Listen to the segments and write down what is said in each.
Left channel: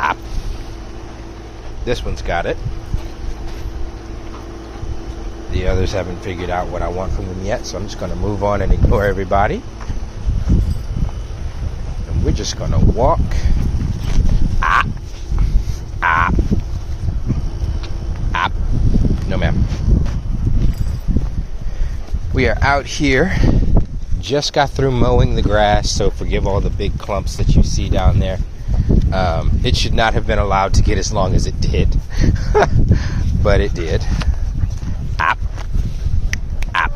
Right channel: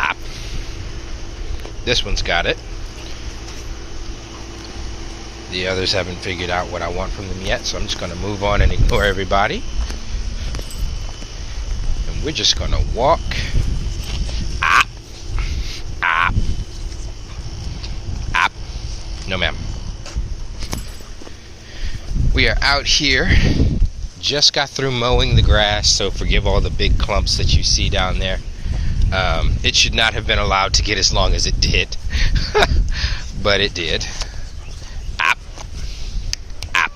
Ah. This one's got it. The others haven't figured out what I want from them yet, so I'm just going to move on and ignore everybody. And we're just going to walk. Ah. Ah. Ah. No, ma'am. We are out here. Just got through mowing the grass, so forgive all the big clumps that you see down there. It should not have been allowed to get as long as it did. But it did. Op. Op.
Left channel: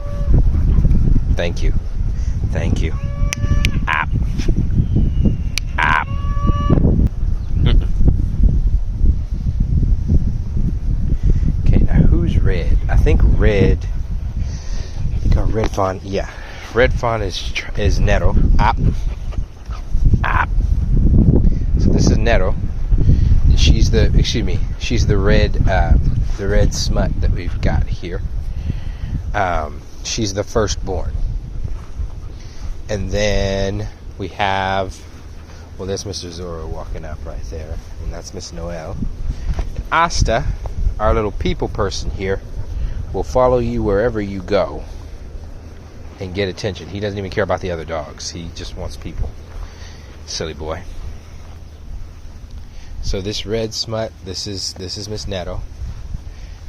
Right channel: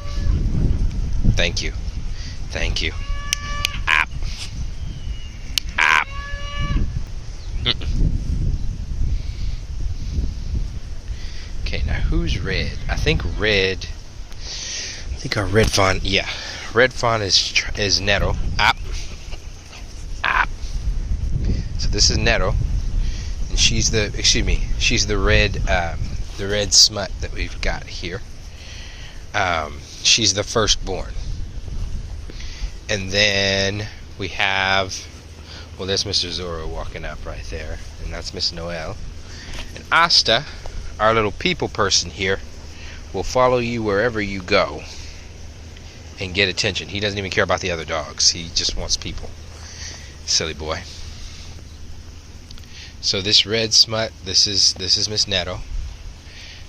Thank you. Thank you. Op. Op. Okay, now who's red? I think our red fawn, yeah. Red fawn is Netto. Op. Op. So this is Netto. And she's the red smut that we've got here. She's the firstborn. And then we have, well, there's Mr. Zorro walking up right there, and that's Miss Noel. And Asta, our little people person here, will follow you wherever you go and get attention. He doesn't even care about the other dogs. He just wants people. Silly boy. So this red smut, this is Miss Netto.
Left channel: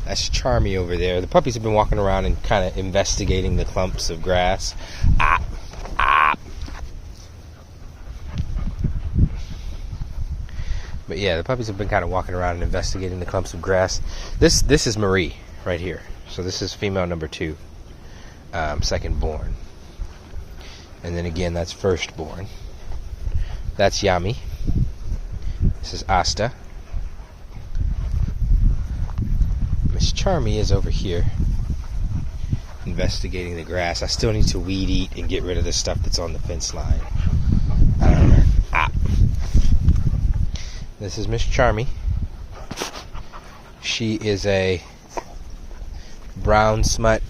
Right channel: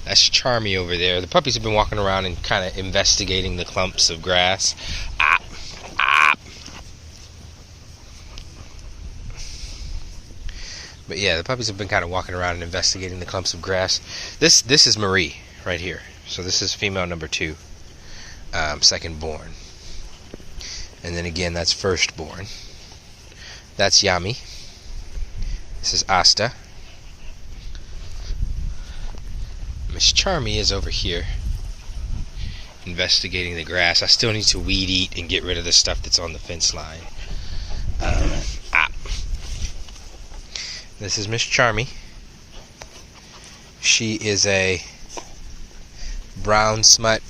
That's Charmy over there. The puppies have been walking around and kind of investigating the clumps of grass. Ah, ah. But yeah, the puppies have been kind of walking around and investigating the clumps of grass. This is Marie right here. So this is female number 2, second born. And then again, that's firstborn. That's Yami. This is Asta. Miss Charmy is over here investigating the grass. I still need to weed eat and get rid of the stuff that's on the fence line. This is Miss Charmy. She is a brown smut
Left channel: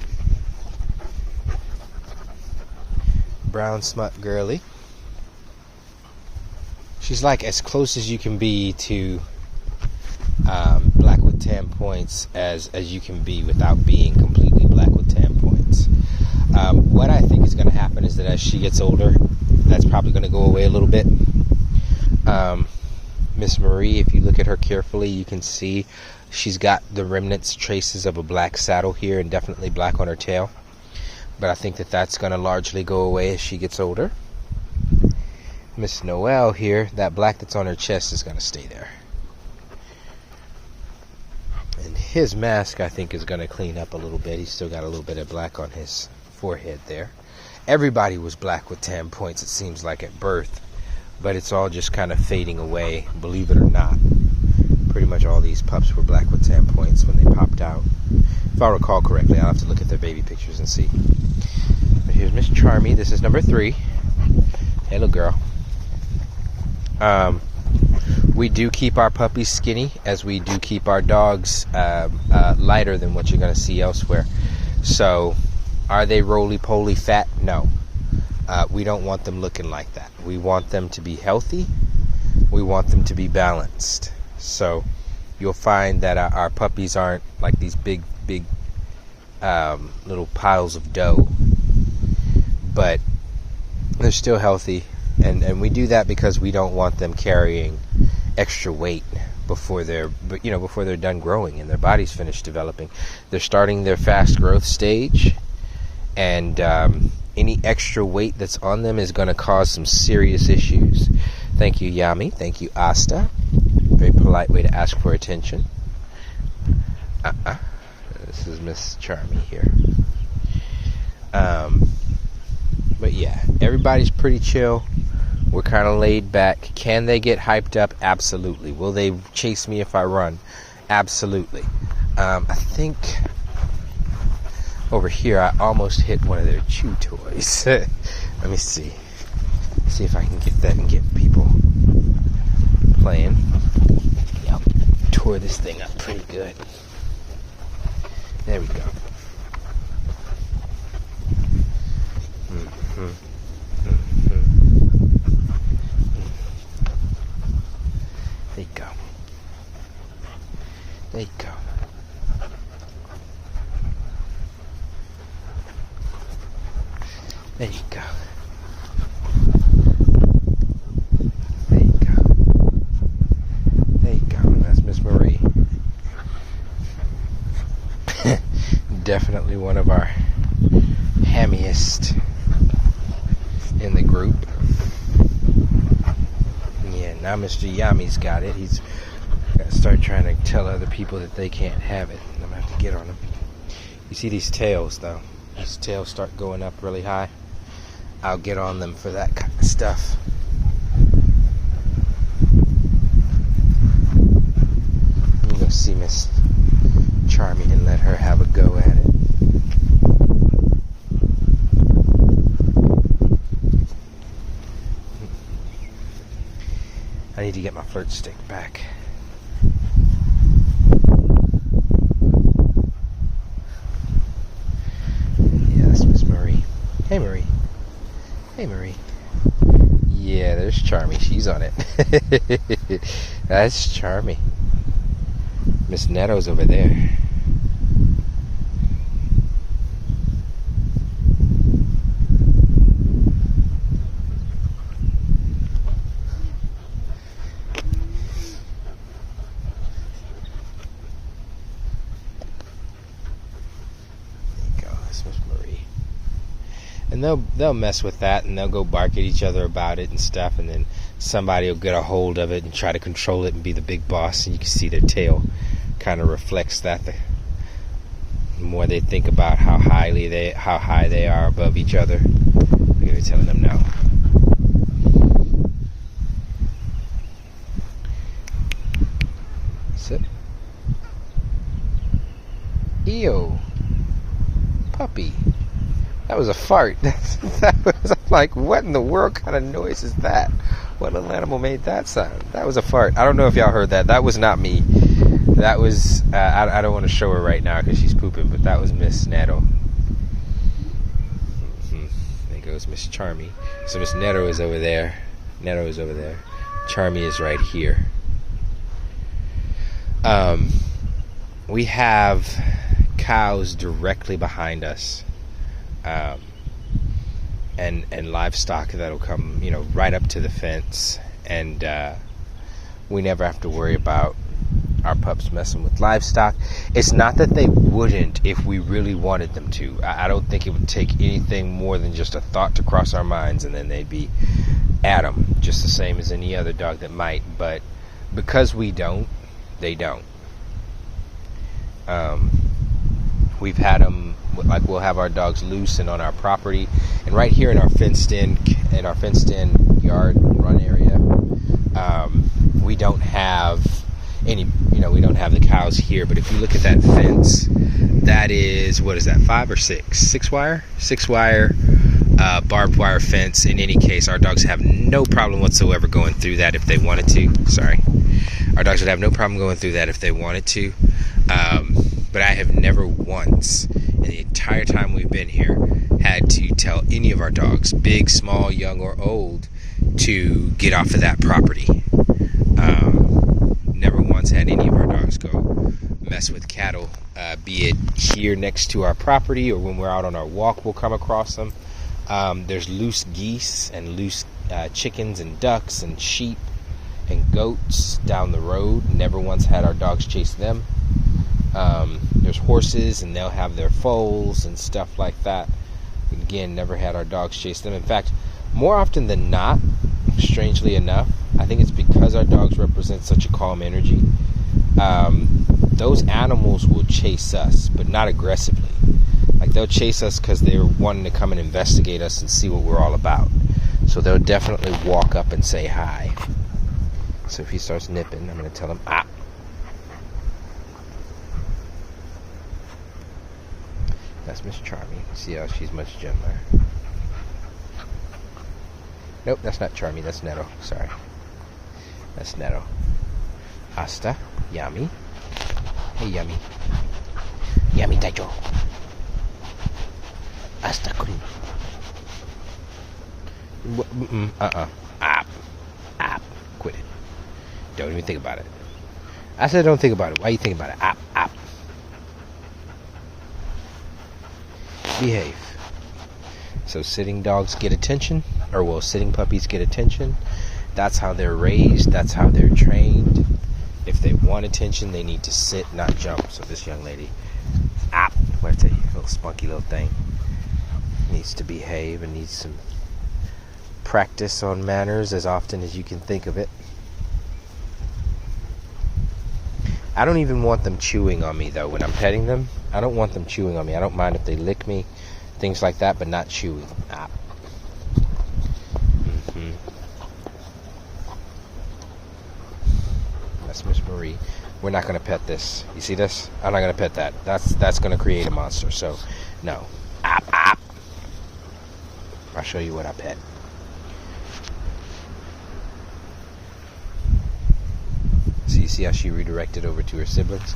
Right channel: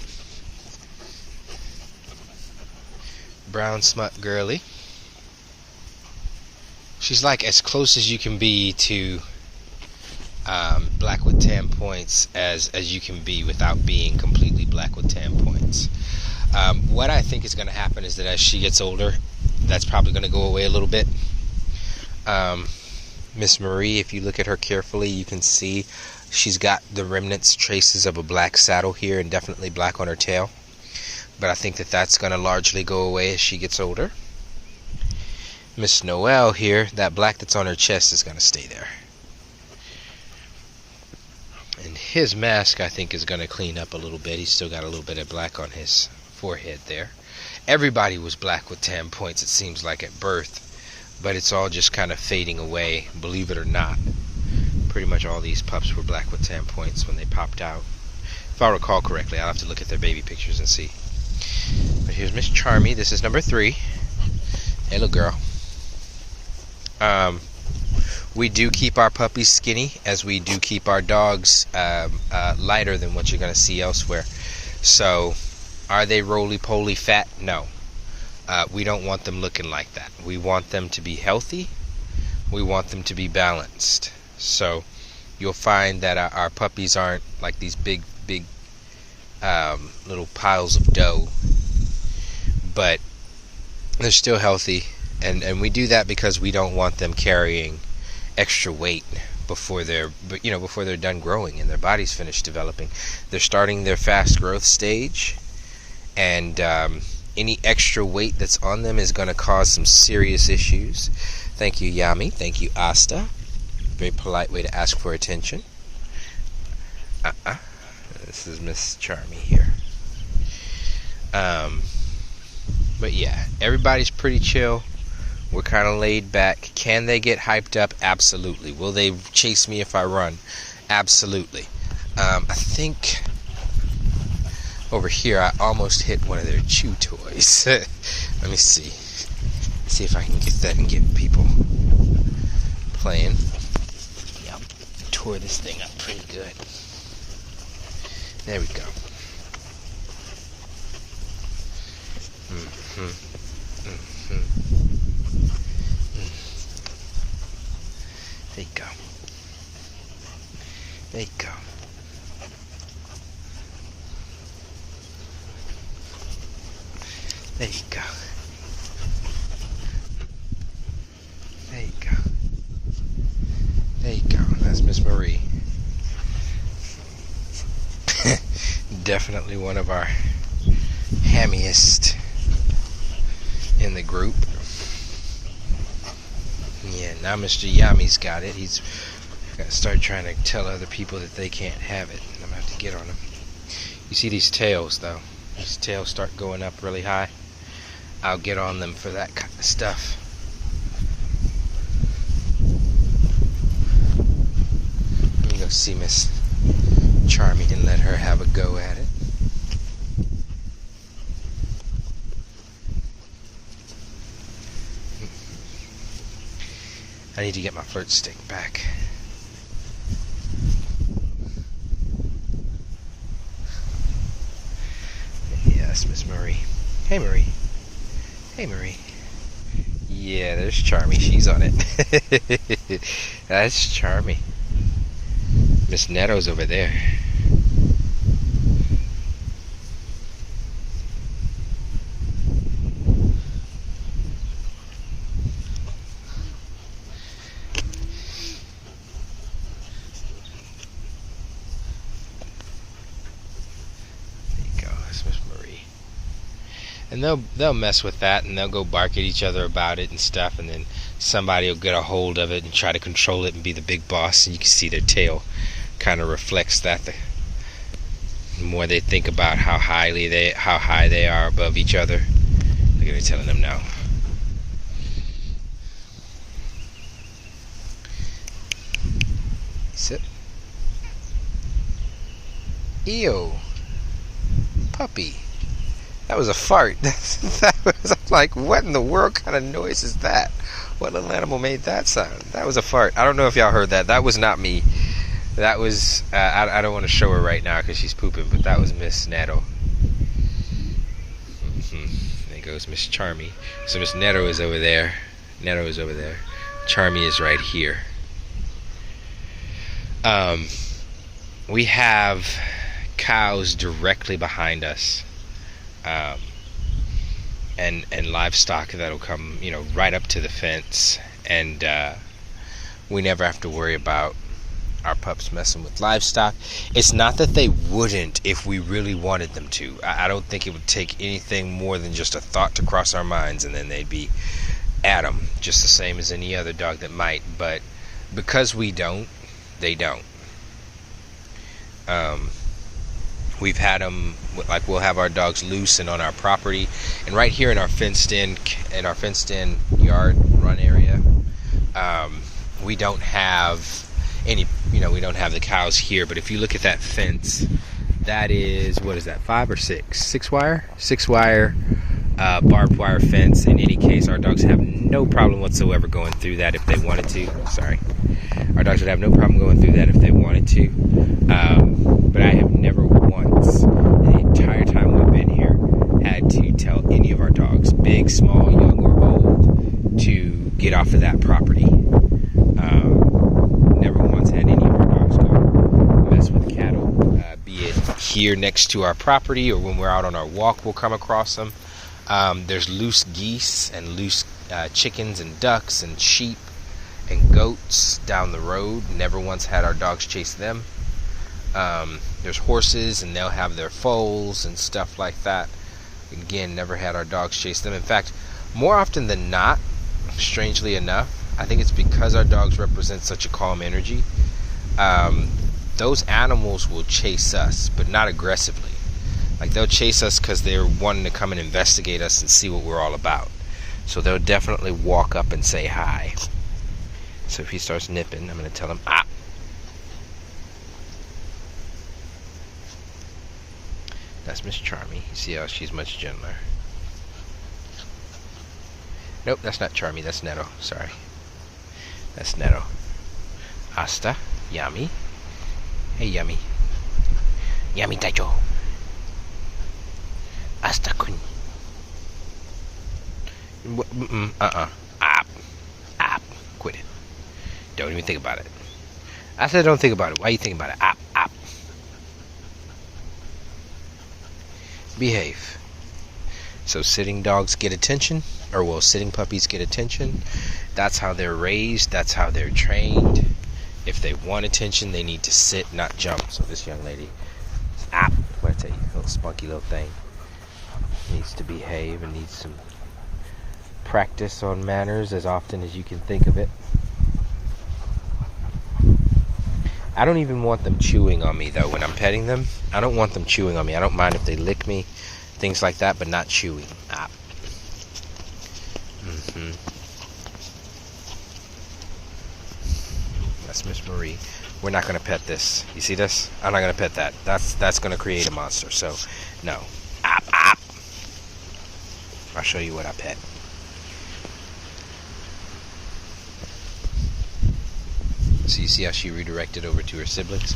girly. She's like as close as you can be to black with tan points as you can be without being completely black with tan points. What I think is going to happen is that as she gets older, that's probably going to go away a little bit. Miss Marie, if you look at her carefully, you can see she's got the remnants, traces of a black saddle here, and definitely black on her tail. But I think that that's going to largely go away as she gets older. Miss Noel here, that black that's on her chest is going to stay there. And his mask, I think, is going to clean up a little bit. He's still got a little bit of black on his forehead there. Everybody was black with tan points, it seems like, at birth. But it's all just kind of fading away, believe it or not. Pretty much all these pups were black with tan points when they popped out. If I recall correctly, I'll have to look at their baby pictures and see. But here's Miss Charmy. This is number 3. Hey, little girl. We do keep our puppies skinny, as we do keep our dogs lighter than what you're going to see elsewhere. So, are they roly-poly fat? No. We don't want them looking like that. We want them to be healthy. We want them to be balanced. So, you'll find that our puppies aren't like these big little piles of dough. But they're still healthy. And we do that because we don't want them carrying extra weight before they're done growing and their body's finished developing. They're starting their fast growth stage, and any extra weight that's on them is going to cause some serious issues. Thank you, Yami. Thank you, Asta. Very polite way to ask for attention. This is Miss Charmy here. But yeah, everybody's pretty chill. We're kind of laid back. Can they get hyped up? Absolutely. Will they chase me if I run? Absolutely. I think over here I almost hit one of their chew toys. Let me see. See if I can get that and get people playing. Yep. Tore this thing up pretty good. There we go. There you go. There you go. There you go. There you go. There you go. That's Miss Marie. Definitely one of our hammiest in the group. Yeah, now Mr. Yami's got it. He's got to start trying to tell other people that they can't have it. I'm going to have to get on him. You see these tails, though. These tails start going up really high. I'll get on them for that kind of stuff. Let me go see Miss Charmy and let her have a go at it. I need to get my flirt stick back. Yes, Miss Marie. Hey, Marie. Hey, Marie. Yeah, there's Charmy. She's on it. That's Charmy. Miss Neto's over there. And they'll mess with that, and they'll go bark at each other about it and stuff, and then somebody will get a hold of it and try to control it and be the big boss, and you can see their tail kind of reflects that. The more they think about how high they are above each other, look at me telling them no. Sit. Ew. Puppy. That was a fart. That was, I'm like, what in the world kind of noise is that? What little animal made that sound? That was a fart. I don't know if y'all heard that. That was not me. That was, I don't want to show her right now because she's pooping, but that was Miss Neto. There goes Miss Charmy. So Miss Neto is over there. Neto is over there. Charmy is right here. We have cows directly behind us. And livestock that'll come, right up to the fence, and we never have to worry about our pups messing with livestock. It's not that they wouldn't if we really wanted them to. I don't think it would take anything more than just a thought to cross our minds, and then they'd be at them, just the same as any other dog that might. But because we don't, they don't. We've had them, like, we'll have our dogs loose and on our property, and right here in our fenced-in yard run area, we don't have any, we don't have the cows here. But if you look at that fence, that is, what is that, 5 or 6? 6 wire? 6 wire barbed wire fence. In any case, our dogs have no problem whatsoever going through that if they wanted to. Sorry. Our dogs would have no problem going through that if they wanted to. But I have never once, in the entire time we've been here, had to tell any of our dogs, big, small, young, or old, to get off of that property. Never once had any of our dogs go mess with cattle, be it here next to our property or when we're out on our walk, we'll come across them. There's loose geese and loose chickens and ducks and sheep and goats down the road. Never once had our dogs chase them. There's horses, and they'll have their foals and stuff like that. Again, never had our dogs chase them. In fact, more often than not, strangely enough, I think it's because our dogs represent such a calm energy. Those animals will chase us, but not aggressively. Like, they'll chase us because they're wanting to come and investigate us and see what we're all about. So they'll definitely walk up and say hi. So if he starts nipping, I'm going to tell him, ah. That's Miss Charmy. See how she's much gentler. Nope, that's not Charmy. That's Neto. Sorry. That's Neto. Hasta. Yummy. Hey, Yummy. Yummy Taicho. Hasta kun. App. Quit it. Don't even think about it. I said don't think about it. Why you think about it? Op, op. Behave. So sitting dogs get attention, or well, sitting puppies get attention. That's how they're raised. That's how they're trained. If they want attention, they need to sit, not jump. So this young lady, what I tell you, little spunky little thing, needs to behave and needs some practice on manners as often as you can think of it. I don't even want them chewing on me though when I'm petting them. I don't want them chewing on me. I don't mind if they lick me, things like that, but not chewing. That's Miss Marie. We're not going to pet this. You see this? I'm not going to pet that. That's going to create a monster. So, no. Op. I'll show you what I pet. So you see how she redirected over to her siblings?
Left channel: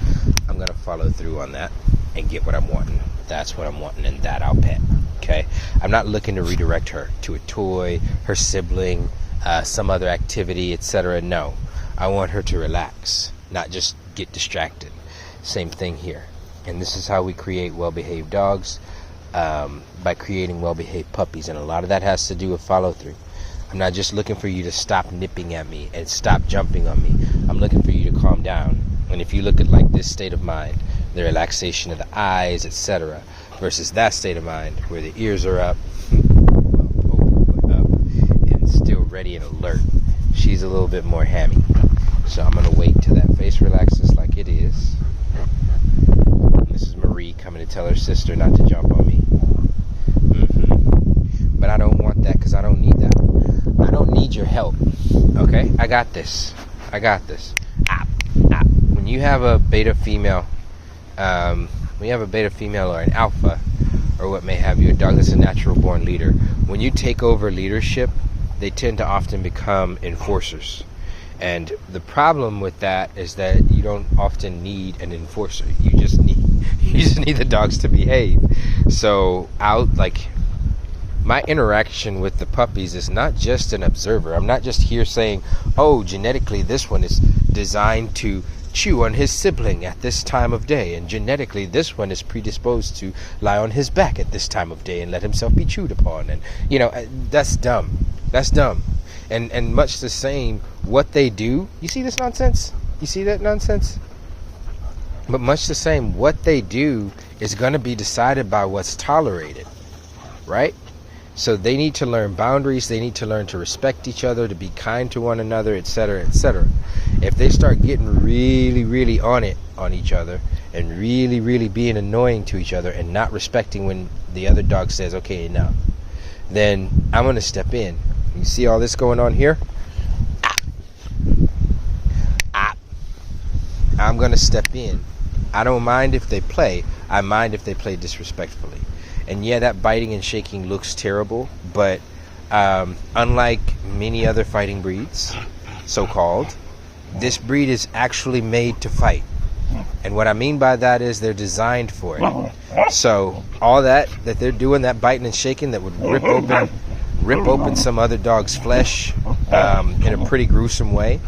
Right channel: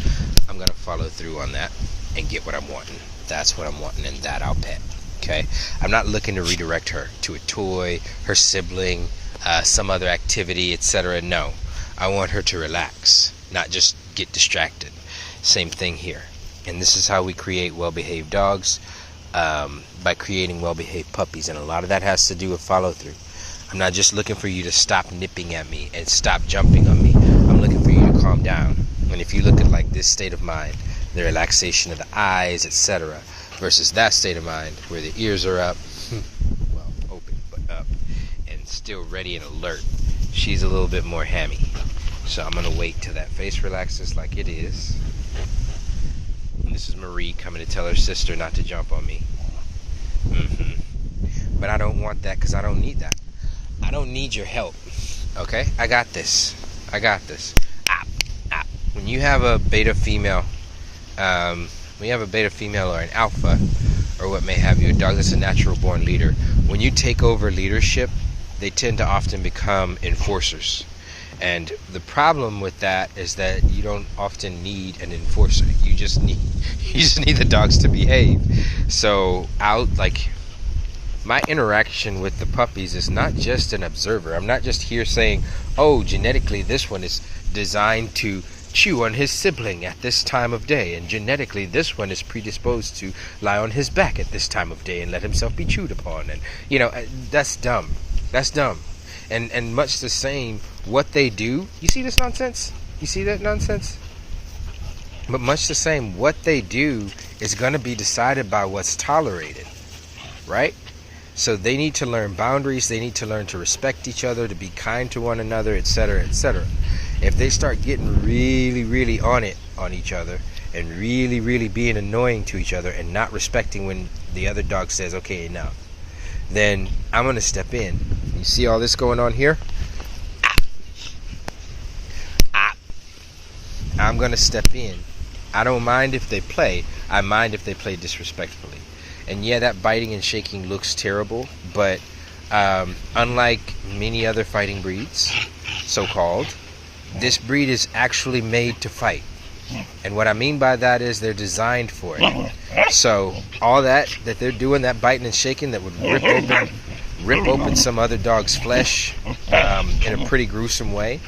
I'm going to follow through on that and get what I'm wanting. That's what I'm wanting, and that I'll pet. Okay? I'm not looking to redirect her to a toy, her sibling, some other activity, etc. No. I want her to relax, not just get distracted. Same thing here. And this is how we create well-behaved dogs, by creating well-behaved puppies. And a lot of that has to do with follow-through. I'm not just looking for you to stop nipping at me and stop jumping on me. I'm looking for you to calm down. And if you look at like this state of mind, the relaxation of the eyes, etc., versus that state of mind where the ears are up, well, open but up, and still ready and alert, she's a little bit more hammy. So I'm going to wait till that face relaxes like it is. And this is Marie coming to tell her sister not to jump on me. But I don't want that because I don't need that. I don't need your help. Okay? I got this. When you have a beta female, or an alpha, or what may have you, a dog that's a natural born leader, when you take over leadership, they tend to often become enforcers. And the problem with that is that you don't often need an enforcer. You just need the dogs to behave. So my interaction with the puppies is not just an observer. I'm not just here saying, oh, genetically this one is designed to chew on his sibling at this time of day, and genetically this one is predisposed to lie on his back at this time of day and let himself be chewed upon. And that's dumb. And much the same, what they do, you see this nonsense? You see that nonsense? But much the same, what they do is going to be decided by what's tolerated, right? So they need to learn boundaries, they need to learn to respect each other, to be kind to one another, etc., etc. If they start getting really, really on each other, and really, really being annoying to each other, and not respecting when the other dog says, okay, enough, then I'm going to step in. You see all this going on here? I'm going to step in. I don't mind if they play. I mind if they play disrespectfully. And yeah, that biting and shaking looks terrible, but unlike many other fighting breeds, so-called, this breed is actually made to fight. And what I mean by that is they're designed for it. So all that they're doing, that biting and shaking that would rip open some other dog's flesh in a pretty gruesome way,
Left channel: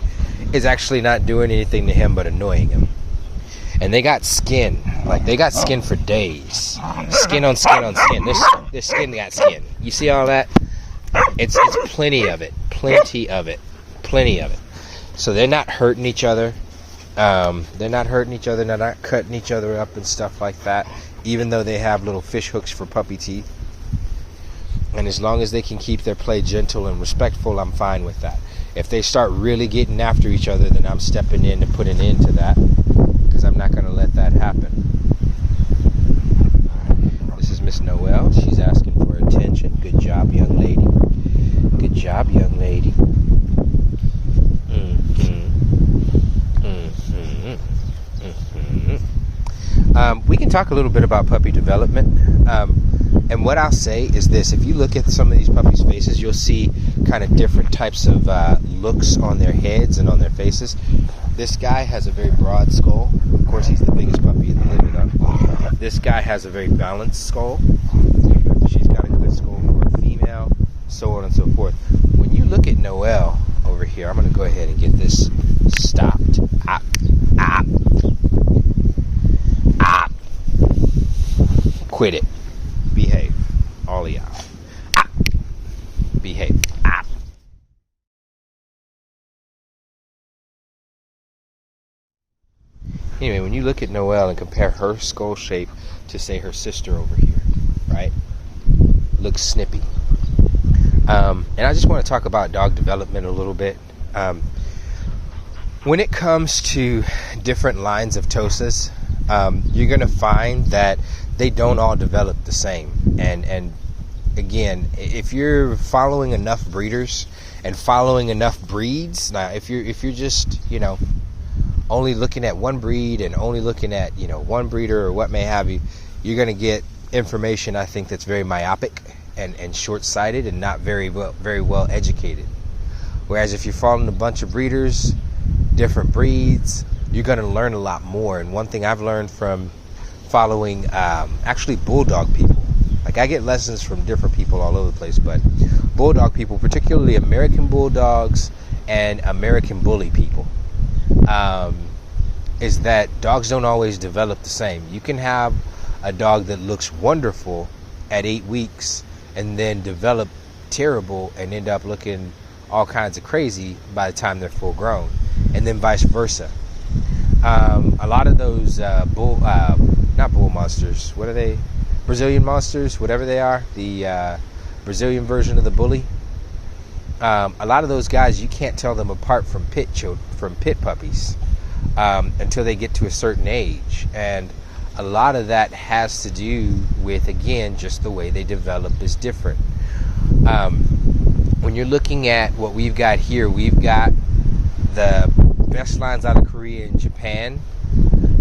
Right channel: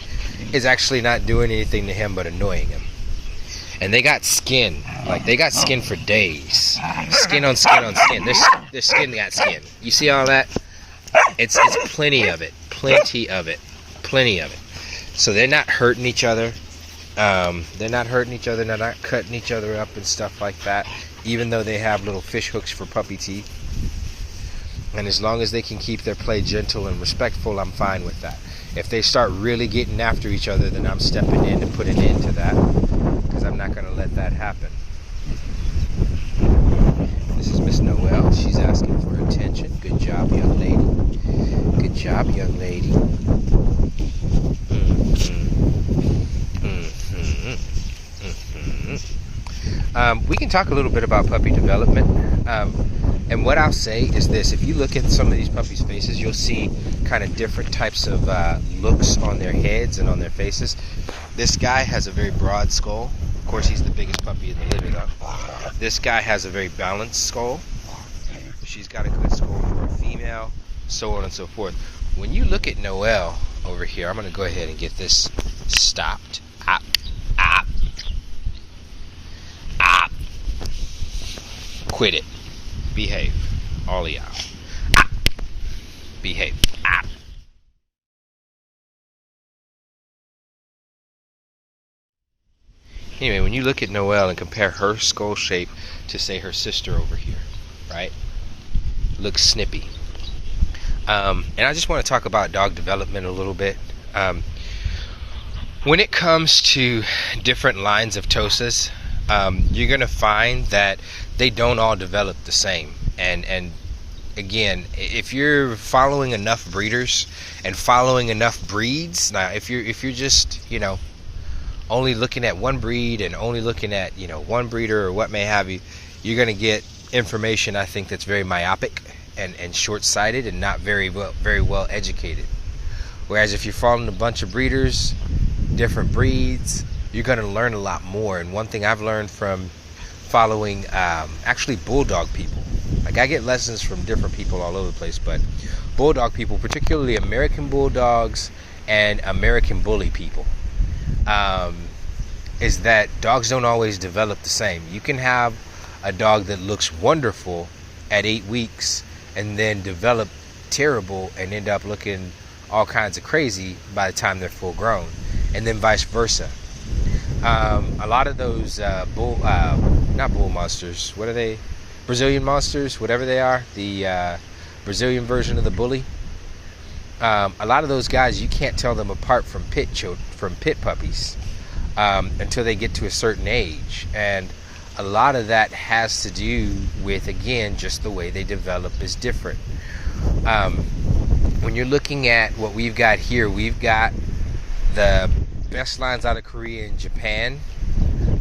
is actually not doing anything to him but annoying him. And they got skin. Like, they got skin for days. Skin on skin on skin. Their skin got skin. You see all that? It's plenty of it. Plenty of it. So they're not hurting each other. They're not cutting each other up and stuff like that, even though they have little fish hooks for puppy teeth. And as long as they can keep their play gentle and respectful, I'm fine with that. If they start really getting after each other, then I'm stepping in to put an end to that, because I'm not going to let that happen. This is Miss Noelle. She's asking for attention. Good job, young lady. Good job, young lady. We can talk a little bit about puppy development. And what I'll say is this: if you look at some of these puppies' faces, you'll see kind of different types of looks on their heads and on their faces. This guy has a very broad skull. Of course, he's the biggest puppy in the litter, though. This guy has a very balanced skull. She's got a good skull for a female, so on and so forth. When you look at Noelle over here, I'm going to go ahead and get this stopped. Op, op, op. Quit it. Behave. All of y'all. Op. Behave. Op. Anyway, when you look at Noelle and compare her skull shape to, say, her sister over here, right? Looks snippy. And I just want to talk about dog development a little bit. When it comes to different lines of Tosas, you're going to find that they don't all develop the same. And again, if you're following enough breeders and following enough breeds, now if you're just, only looking at one breed and only looking at, one breeder or what may have you, you're going to get information, I think, that's very myopic and short-sighted and not very well educated. Whereas if you're following a bunch of breeders, different breeds, you're going to learn a lot more. And one thing I've learned from following actually bulldog people, like I get lessons from different people all over the place, but bulldog people, particularly American bulldogs and American bully people, is that dogs don't always develop the same. You can have a dog that looks wonderful at 8 weeks and then develop terrible and end up looking all kinds of crazy by the time they're full grown, and then vice versa. A lot of those not bull monsters, what are they? Brazilian monsters, whatever they are, the Brazilian version of the bully. A lot of those guys, you can't tell them apart from pit puppies until they get to a certain age, and a lot of that has to do with, again, just the way they develop is different. When you're looking at what we've got here, we've got the best lines out of Korea and Japan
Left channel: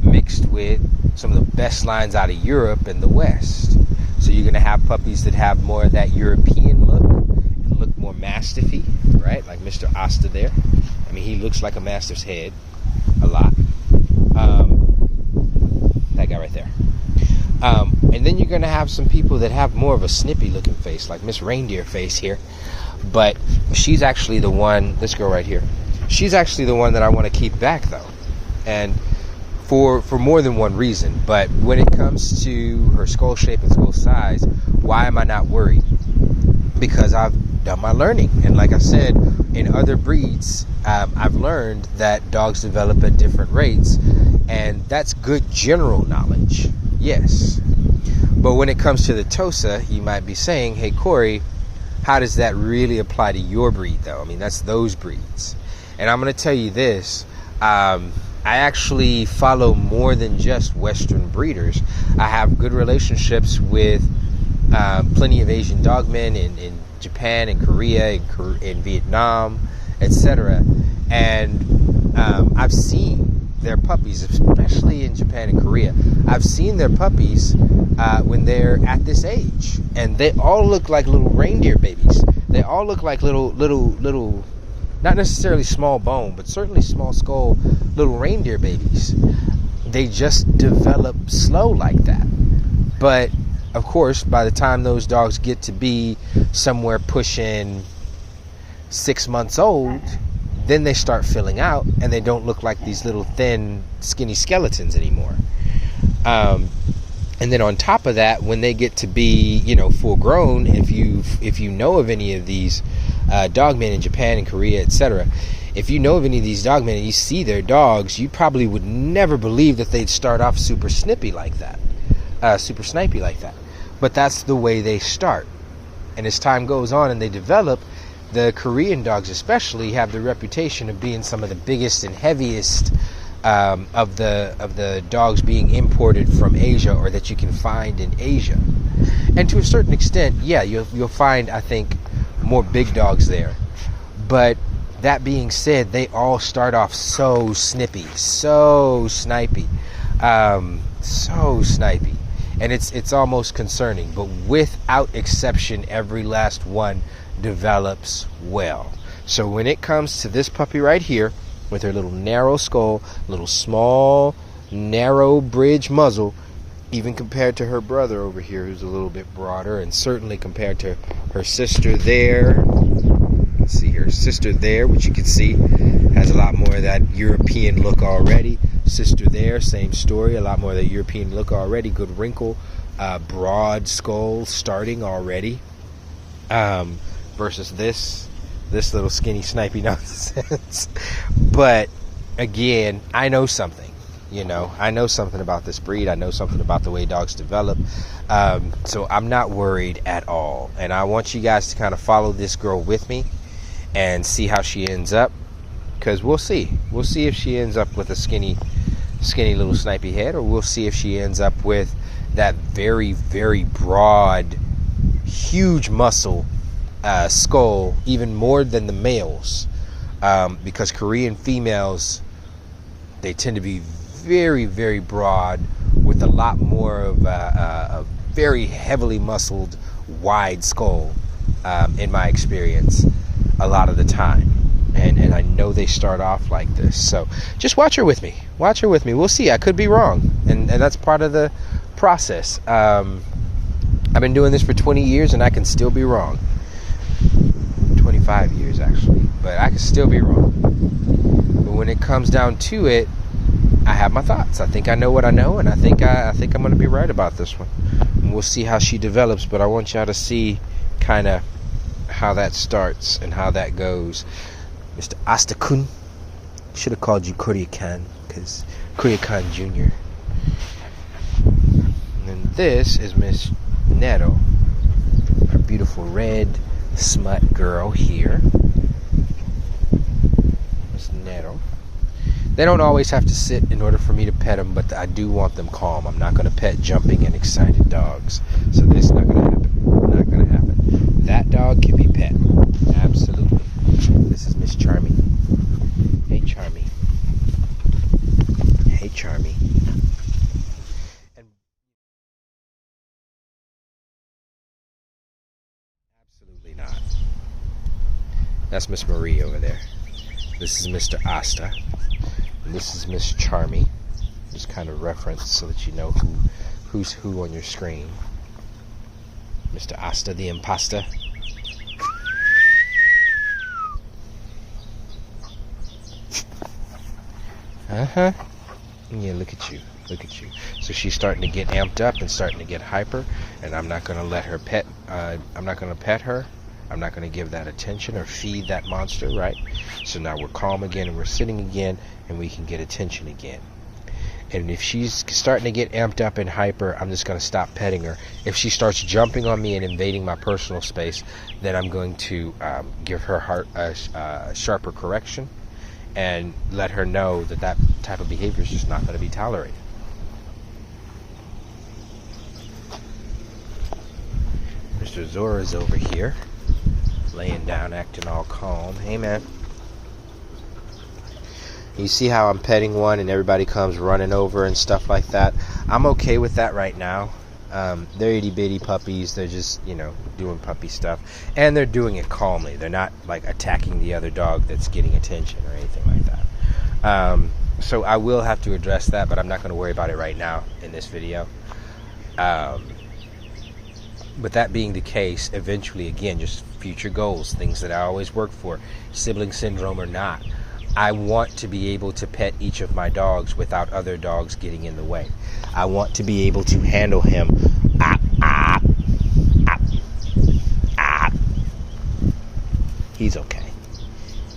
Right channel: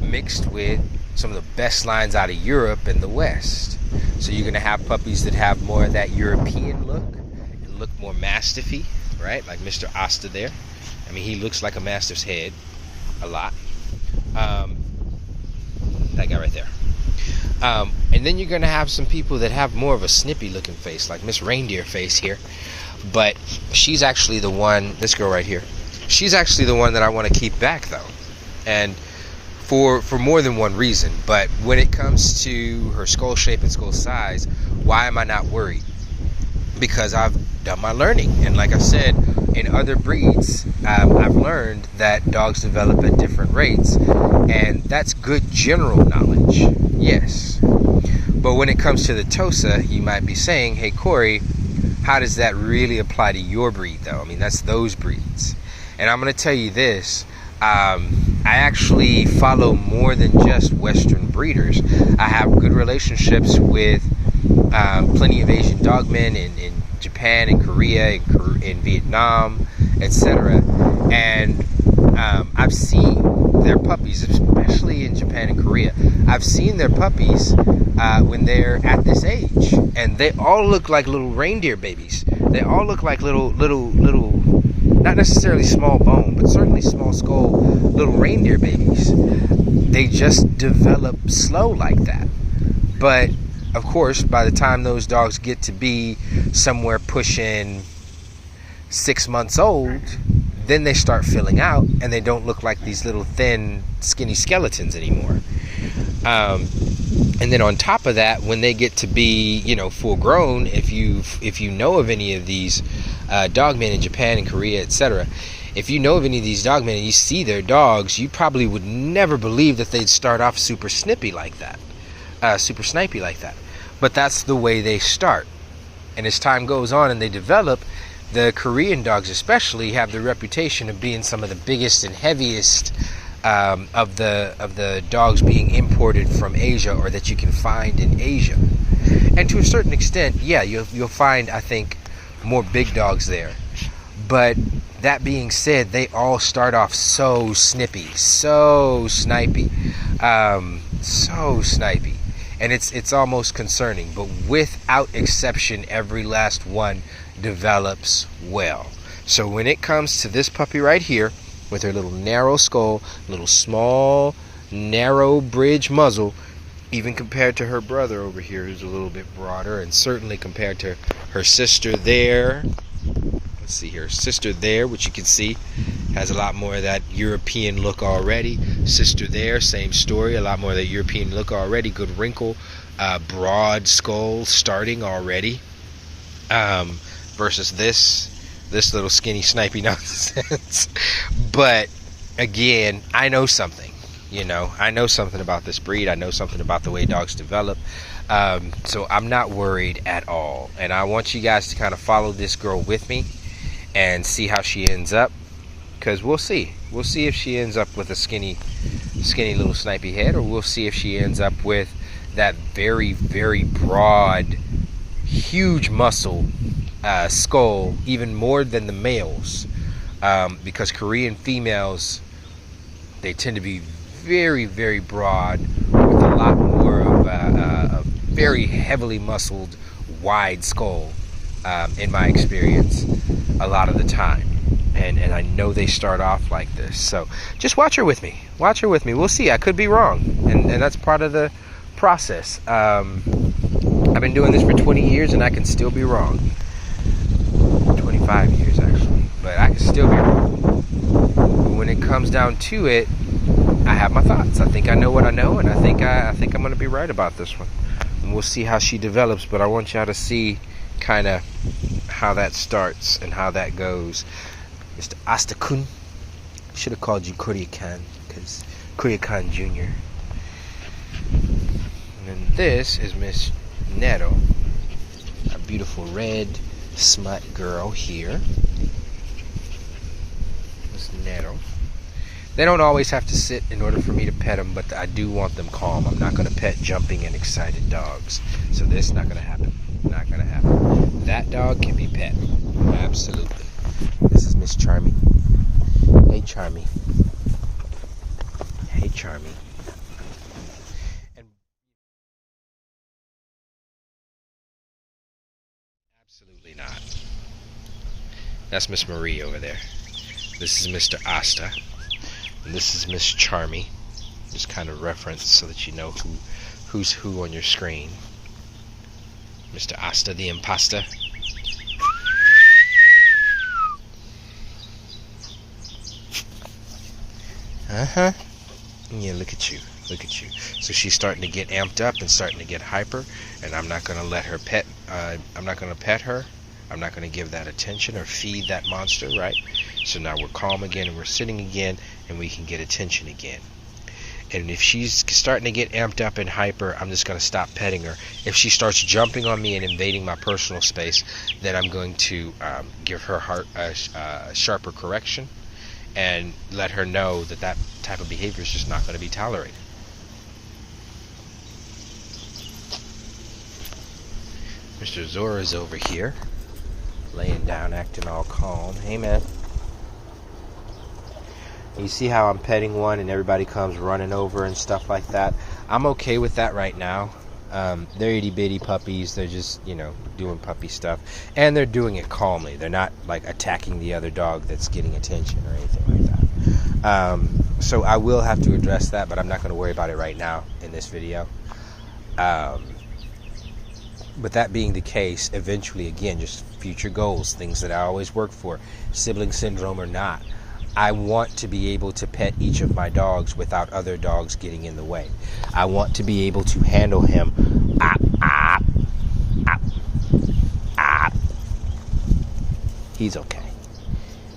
mixed with some of the best lines out of Europe and the West. So you're going to have puppies that have more of that European look and look more mastiffy, right? Like Mr. Asta there. I mean, he looks like a mastiff's head a lot. That guy right there. And then you're going to have some people that have more of a snippy looking face, like Miss Reindeer face here. But she's actually the one, this girl right here, she's actually the one that I want to keep back, though. And for more than one reason. But when it comes to her skull shape and skull size, why am I not worried? Because I've done my learning. And like I said, in other breeds, I've learned that dogs develop at different rates. And that's good general knowledge, yes. But when it comes to the Tosa, you might be saying, hey, Corey, how does that really apply to your breed, though? I mean, that's those breeds. And I'm going to tell you this. I actually follow more than just Western breeders. I have good relationships with plenty of Asian dogmen in Japan and Korea and in Vietnam, etc. And I've seen their puppies, especially in Japan and Korea. I've seen their puppies when they're at this age, and they all look like little reindeer babies. They all look like little, not necessarily small bone, but certainly small skull, little reindeer babies. They just develop slow like that. But of course, by the time those dogs get to be somewhere pushing 6 months old, then they start filling out, and they don't look like these little thin, skinny skeletons anymore. And then on top of that, when they get to be, full grown, if you know of any of these dogmen in Japan and Korea, etc., if you know of any of these dogmen and you see their dogs, you probably would never believe that they'd start off super snipey like that, super snipey like that. But that's the way they start. And as time goes on and they develop, the Korean dogs especially have the reputation of being some of the biggest and heaviest of the dogs being imported from Asia, or that you can find in Asia. And to a certain extent, yeah, you'll find, I think, more big dogs there. But that being said, they all start off so snippy, so snipey, and it's almost concerning. But without exception, every last one develops well. So when it comes to this puppy right here, with her little narrow skull, little small, narrow bridge muzzle, even compared to her brother over here, who's a little bit broader, and certainly compared to her sister there, let's see here. Sister there, which you can see, has a lot more of that European look already. Sister there, same story, a lot more of that European look already. Good wrinkle, broad skull starting already. Versus this little skinny snipey nonsense. But again, I know something. I know something about this breed. I know something about the way dogs develop. So I'm not worried at all. And I want you guys to kind of follow this girl with me and see how she ends up. Because we'll see. We'll see if she ends up with a skinny little snipey head, or we'll see if she ends up with that very, very broad, huge muscle skull, even more than the males. Because Korean females, they tend to be very, very broad with a lot more of a very heavily muscled, wide skull, in my experience, a lot of the time. And I know they start off like this. So just watch her with me. Watch her with me. We'll see. I could be wrong. And that's part of the process. I've been doing this for 20 years and I can still be wrong. 25 years, actually. But I can still be wrong. But when it comes down to it, I have my thoughts. I think I know what I know, and I think I'm going to be right about this one. And we'll see how she develops, but I want y'all to see kind of how that starts and how that goes. Mr. Asta-kun. Should have called you Korea-kan, because Korea-kan Jr. And then this is Miss Nero, a beautiful red smut girl here. Miss Nero. They don't always have to sit in order for me to pet them, but I do want them calm. I'm not going to pet jumping and excited dogs. So this is not going to happen. Not going to happen. That dog can be pet. Absolutely. This is Miss Charmy. Hey, Charmy. Hey, Charmy. And absolutely not. That's Miss Marie over there. This is Mr. Asta. And this is Miss Charmy. Just kind of reference so that you know who's who on your screen. Mr. Asta the Imposter. Uh-huh. Yeah, look at you. Look at you. So she's starting to get amped up and starting to get hyper, and I'm not going to let her pet. I'm not going to pet her. I'm not going to give that attention or feed that monster, right? So now we're calm again and we're sitting again and we can get attention again. And if she's starting to get amped up and hyper, I'm just going to stop petting her. If she starts jumping on me and invading my personal space, then I'm going to give her a sharper correction and let her know that that type of behavior is just not going to be tolerated. Mr. Zora's over here, laying down, acting all calm. Hey, man. You see how I'm petting one and everybody comes running over and stuff like that? I'm okay with that right now. They're itty-bitty puppies. They're just, doing puppy stuff. And they're doing it calmly. They're not, attacking the other dog that's getting attention or anything like that. So I will have to address that, but I'm not going to worry about it right now in this video. But that being the case, eventually, again, just future goals, things that I always work for, sibling syndrome or not, I want to be able to pet each of my dogs without other dogs getting in the way. I want to be able to handle him. He's okay.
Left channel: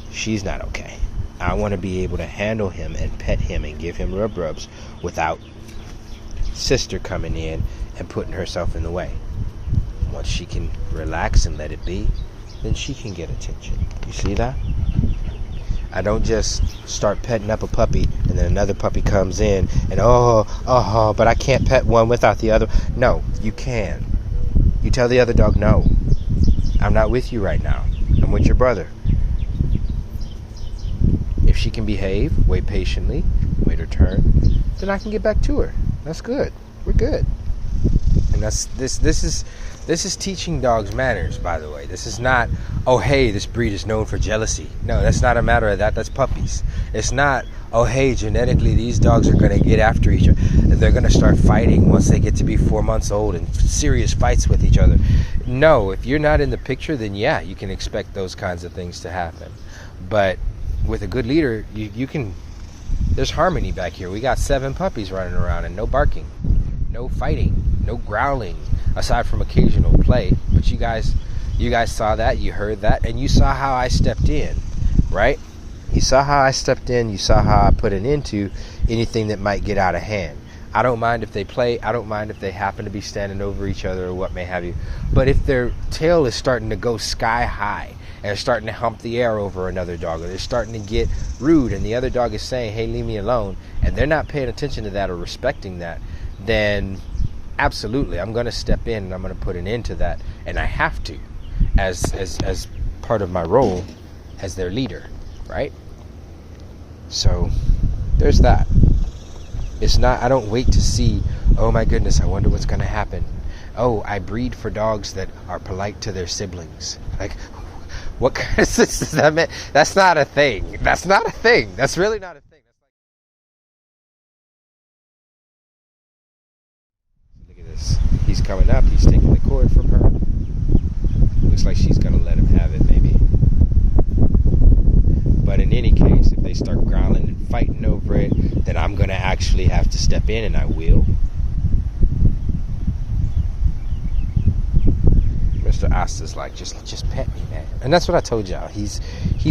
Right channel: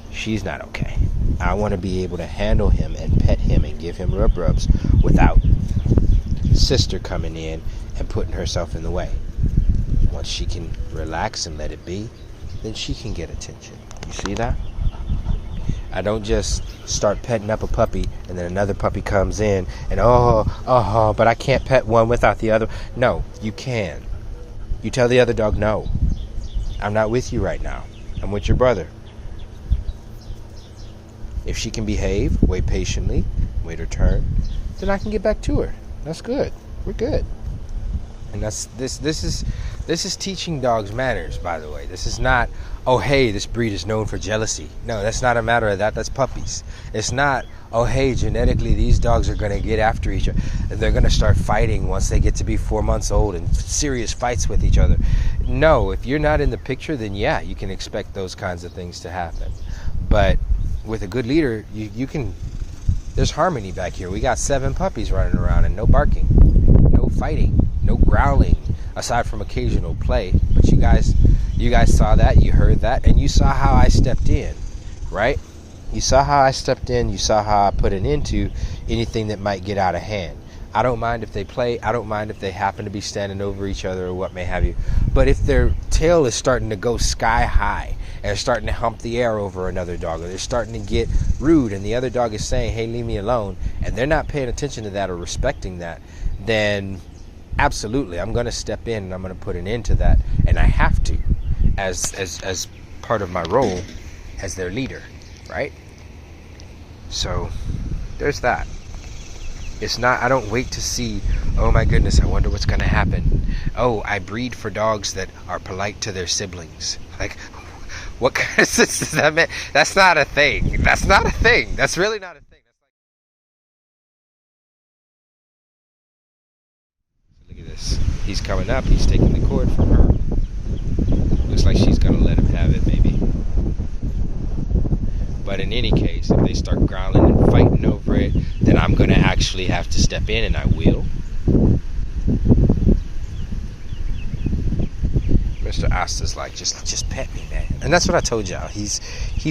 She's not okay. I want to be able to handle him and pet him and give him rubs without sister coming in and putting herself in the way. Once she can relax and let it be, then she can get attention. You see that? I don't just start petting up a puppy and then another puppy comes in and but I can't pet one without the other. No, you can. You tell the other dog, no, I'm not with you right now. I'm with your brother. If she can behave, wait patiently, wait her turn, then I can get back to her. That's good. We're good. And this is teaching dogs manners, by the way. This is not, oh hey, this breed is known for jealousy. No, that's not a matter of that. That's puppies. It's not, oh hey, genetically these dogs are going to get after each other. They're going to start fighting once they get to be 4 months old, and serious fights with each other. No, if you're not in the picture, then yeah, you can expect those kinds of things to happen. But with a good leader, you can, there's harmony back here. We got 7 puppies running around and no barking, no fighting, no growling, aside from occasional play. But you guys saw that, you heard that, and you saw how I stepped in, right? You saw how I stepped in, you saw how I put an end to anything that might get out of hand. I don't mind if they play, I don't mind if they happen to be standing over each other or what may have you. But if their tail is starting to go sky high and they're starting to hump the air over another dog, or they're starting to get rude and the other dog is saying, hey, leave me alone, and they're not paying attention to that or respecting that, then absolutely, I'm going to step in and I'm going to put an end to that. And I have to, as part of my role as their leader, right? So there's that. It's not, I don't wait to see, oh my goodness, I wonder what's going to happen. Oh, I breed for dogs that are polite to their siblings. Like, what kind of sense does that make? That's not a thing. That's not a thing. That's really not a thing. Look at this. He's coming up. He's taking the cord from her. Looks like she's going to let him have it, maybe. But in any case, if they start growling and fighting over it, then I'm going to actually have to step in, and I will. Mr. Asta's like, just pet me, man. And that's what I told y'all. He's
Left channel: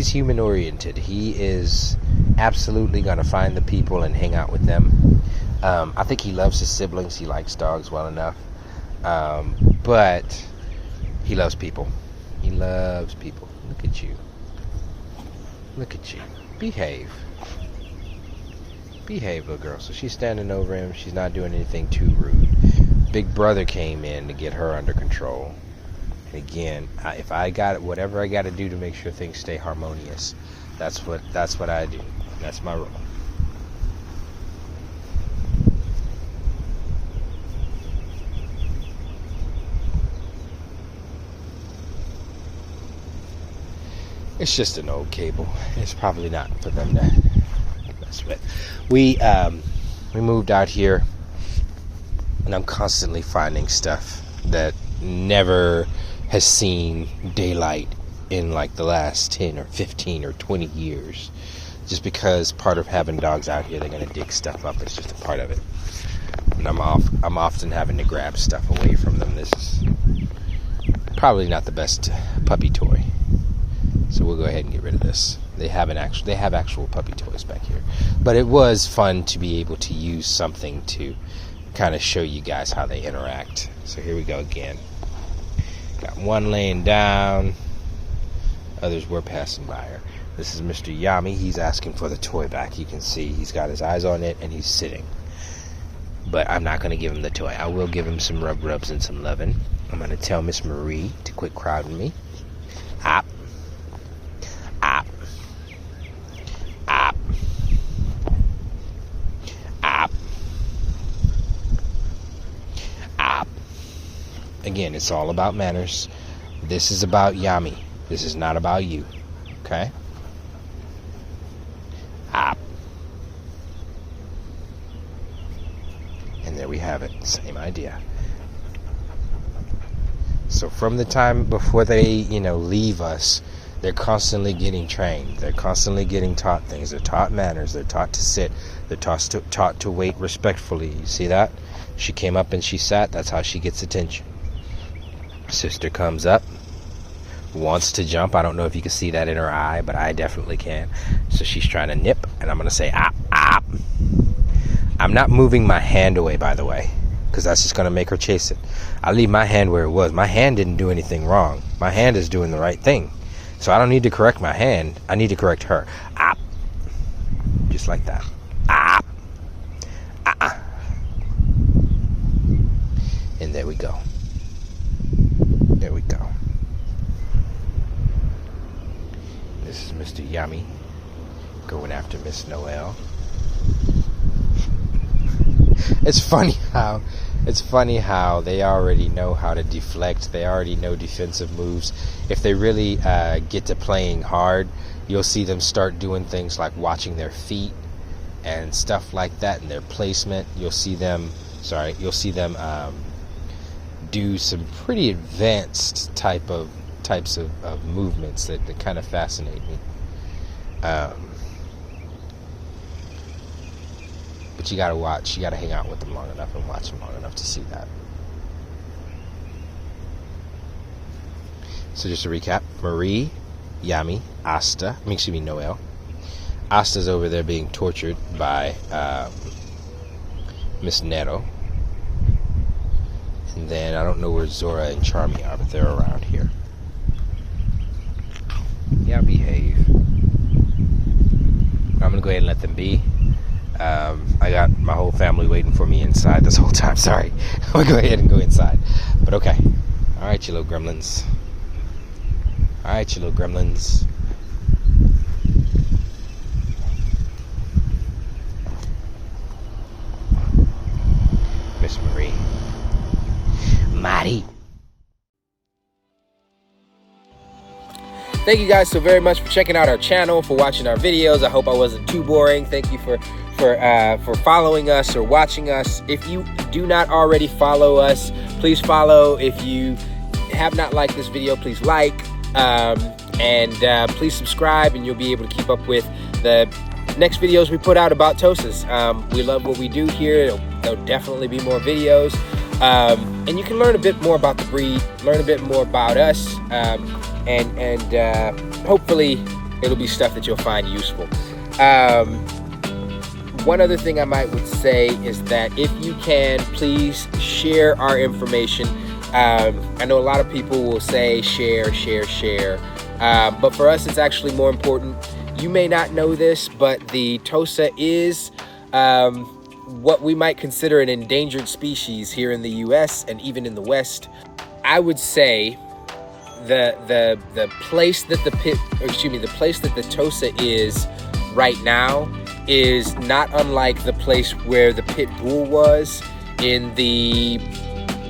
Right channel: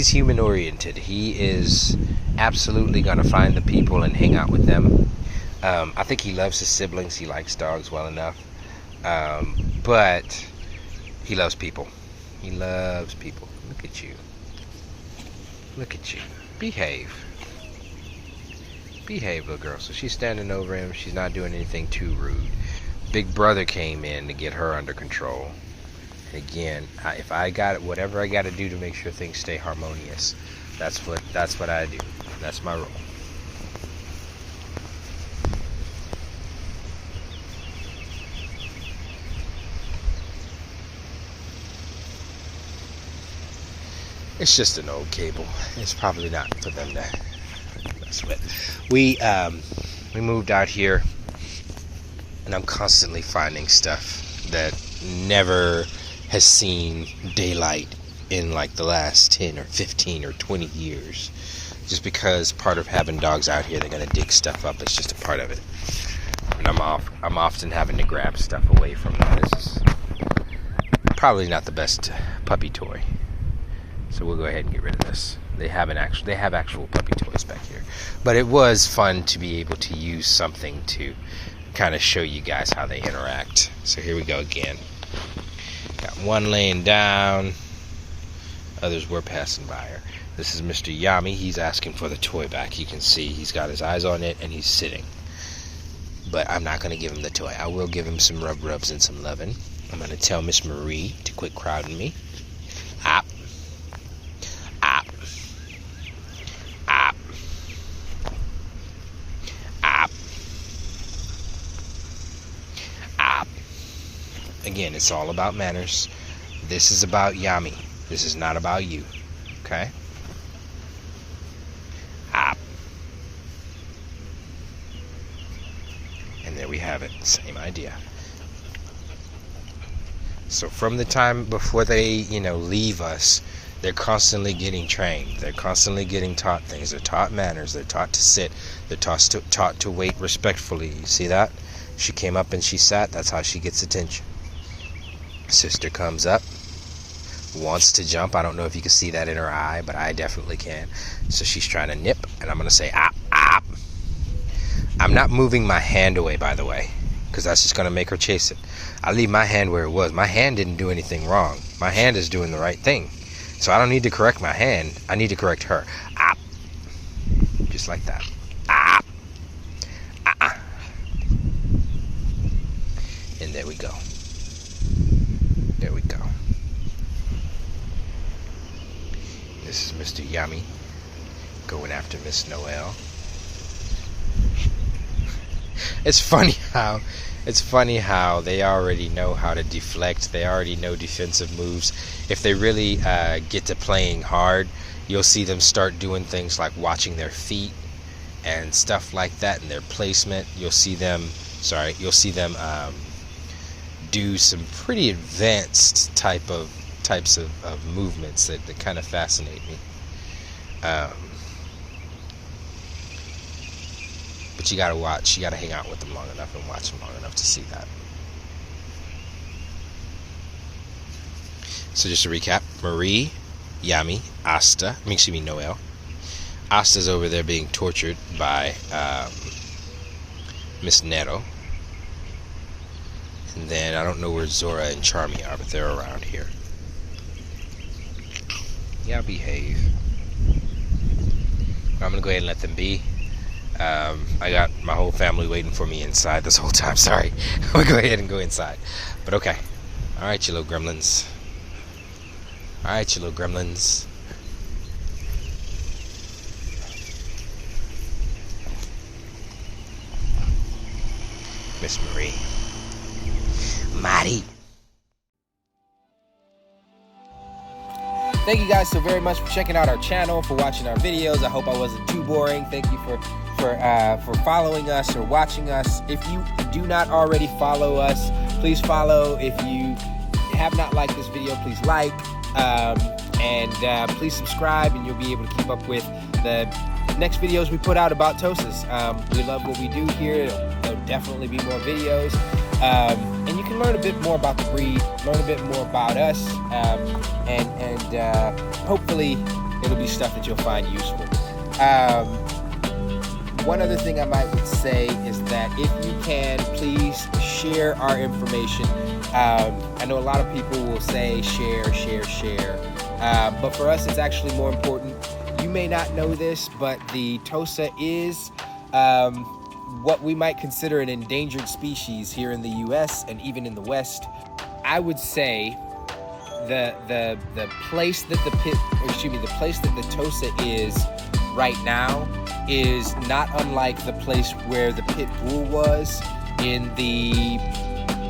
human oriented. He is absolutely going to find the people and hang out with them. I think he loves his siblings. He likes dogs well enough. But he loves people. He loves people. Look at you. Look at you. Behave. Behave, little girl. So she's standing over him. She's not doing anything too rude. Big brother came in to get her under control. And again, if I got whatever I got to do to make sure things stay harmonious, that's what I do. That's my role. It's just an old cable. It's probably not for them to mess with. We moved out here, and I'm constantly finding stuff that never has seen daylight in like the last 10 or 15 or 20 years. Just because part of having dogs out here, they're gonna dig stuff up. It's just a part of it. And I'm often having to grab stuff away from them. It's probably not the best puppy toy. So we'll go ahead and get rid of this. They have actual puppy toys back here. But it was fun to be able to use something to kind of show you guys how they interact. So here we go again. Got one laying down. Others were passing by her. This is Mr. Yami. He's asking for the toy back. You can see he's got his eyes on it and he's sitting. But I'm not going to give him the toy. I will give him some rubs and some loving. I'm going to tell Miss Marie to quit crowding me. Op. Op. Op. Op. Op. Again, it's all about manners. This is about Yami. This is not about you. Okay? Op. And there we have it. Same idea. So from the time before they, leave us, they're constantly getting trained. They're constantly getting taught things. They're taught manners. They're taught to sit. They're taught to wait respectfully. You see that? She came up and she sat. That's how she gets attention. Sister comes up, wants to jump. I don't know if you can see that in her eye, but I definitely can. So she's trying to nip, and I'm going to say, op, op. I'm not moving my hand away, by the way, because that's just going to make her chase it. I leave my hand where it was. My hand didn't do anything wrong. My hand is doing the right thing. So I don't need to correct my hand. I need to correct her. Op. Just like that. Op. And there we go. There we go. This is Mr. Yummy going after Miss Noel. it's funny how they already know how to deflect. They already know defensive moves. If they really get to playing hard, you'll see them start doing things like watching their feet and stuff like that, and their placement. You'll see them do some pretty advanced types of movements that kind of fascinate me. But you gotta hang out with them long enough and watch them long enough to see that. So just to recap, Marie, Yami, Noel. Asta's over there being tortured by Miss Nero. And then I don't know where Zora and Charmy are, but they're around here. Yeah, behave. I'm gonna go ahead and let them be. I got my whole family waiting for me inside this whole time. Sorry. I'm gonna go ahead and go inside. But okay. Alright, you little gremlins. Miss Marie. Maddie. Thank you guys so very much for checking out our channel, for watching our videos. I hope I wasn't too boring. Thank you for following us or watching us. If you do not already follow us, please follow. If you have not liked this video, please like, and please subscribe, and you'll be able to keep up with the next videos we put out about Tosas. We love what we do here. There'll definitely be more videos. And you can learn a bit more about the breed, learn a bit more about us, and hopefully it'll be stuff that you'll find useful. One other thing I would say is that if you can, please share our information. I know a lot of people will say share, but for us it's actually more important. You may not know this, but the Tosa is what we might consider an endangered species here in the US and even in the West. I would say the place that the place that the Tosa is right now is not unlike the place where the pit bull was in the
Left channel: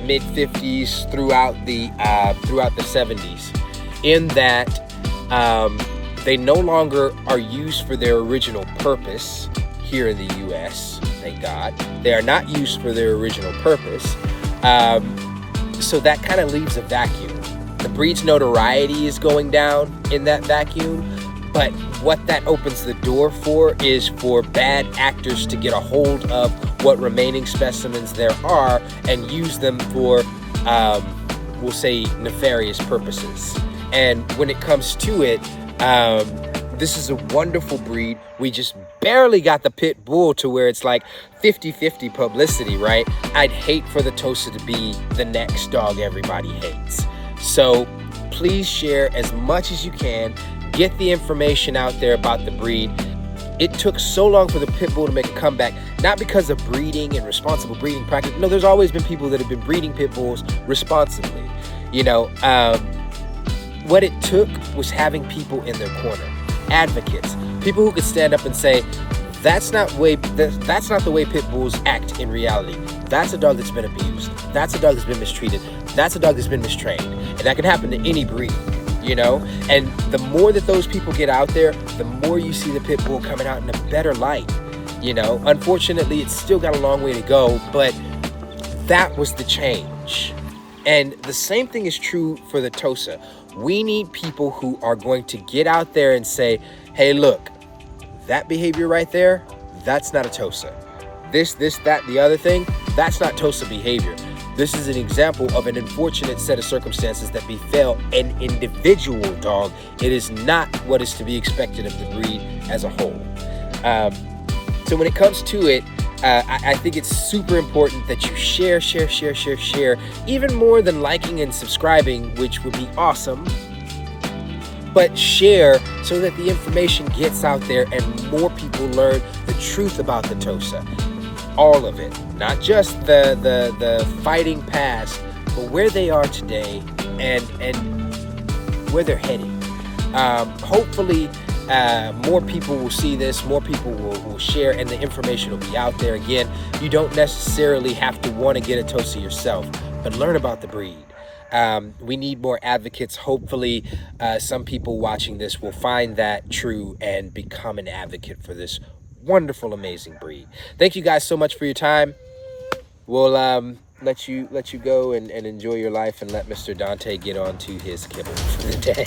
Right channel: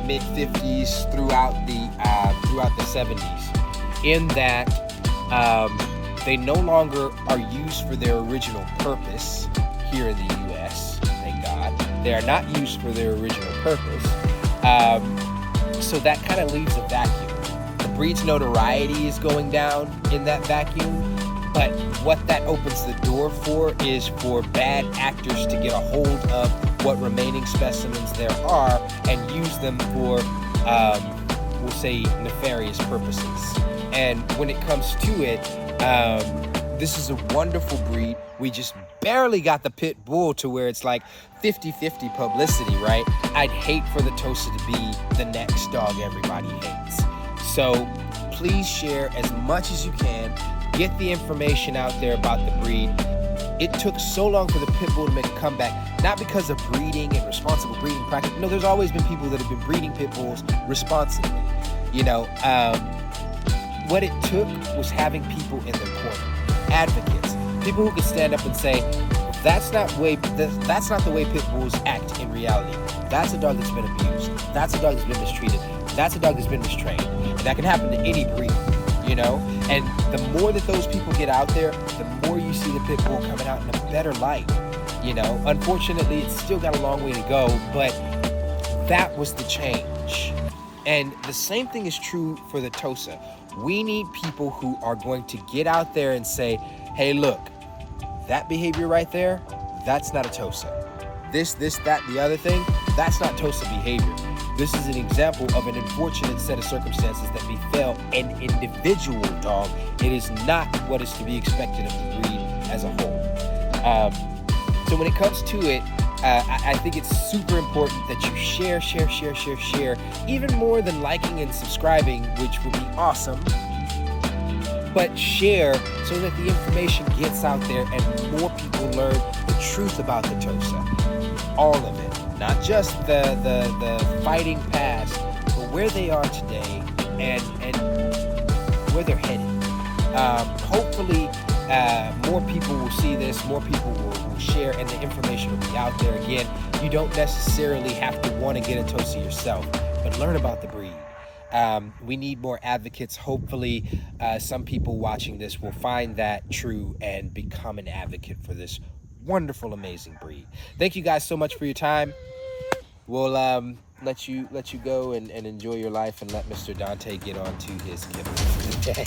mid-50s throughout the 70s, in that they no longer are used for their original purpose here in the US. Thank God. They are not used for their original purpose. So that kind of leaves a vacuum. The breed's notoriety is going down in that vacuum, but what that opens the door for is for bad actors to get a hold of what remaining specimens there are and use them for, we'll say, nefarious purposes. And when it comes to it, this is a wonderful breed. We just barely got the pit bull to where it's like 50-50 publicity, right? I'd hate for the Tosa to be the next dog everybody hates. So please share as much as you can. Get the information out there about the breed. It took so long for the pit bull to make a comeback, not because of breeding and responsible breeding practice. No, there's always been people that have been breeding pit bulls responsibly. You know, what it took was having people in their corner. Advocates, people who could stand up and say, that's not the way pit bulls act in reality. That's a dog that's been abused. That's a dog that's been mistreated. That's a dog that's been mistrained. And that can happen to any breed, you know? And the more that those people get out there, the more you see the pit bull coming out in a better light, you know? Unfortunately, it's still got a long way to go, but that was the change. And the same thing is true for the Tosa. We need people who are going to get out there and say, hey, look, that behavior right there, that's not a Tosa. This, that, the other thing, that's not Tosa behavior. This is an example of an unfortunate set of circumstances that befell an individual dog. It is not what is to be expected of the breed as a whole. So when it comes to it, I think it's super important that you share, even more than liking and subscribing, which would be awesome. But share so that the information gets out there and more people learn the truth about the Tosa. All of it, not just the fighting past, but where they are today and where they're heading. Hopefully more people will see this, more people will share, and the information will be out there. Again, you don't necessarily have to want to get a Tosa yourself, but learn about the breed. We need more advocates. Hopefully, some people watching this will find that true and become an advocate for this wonderful, amazing breed. Thank you guys so much for your time. We'll let you go and enjoy your life, and let Mr. Dante get on to his kibble for the day.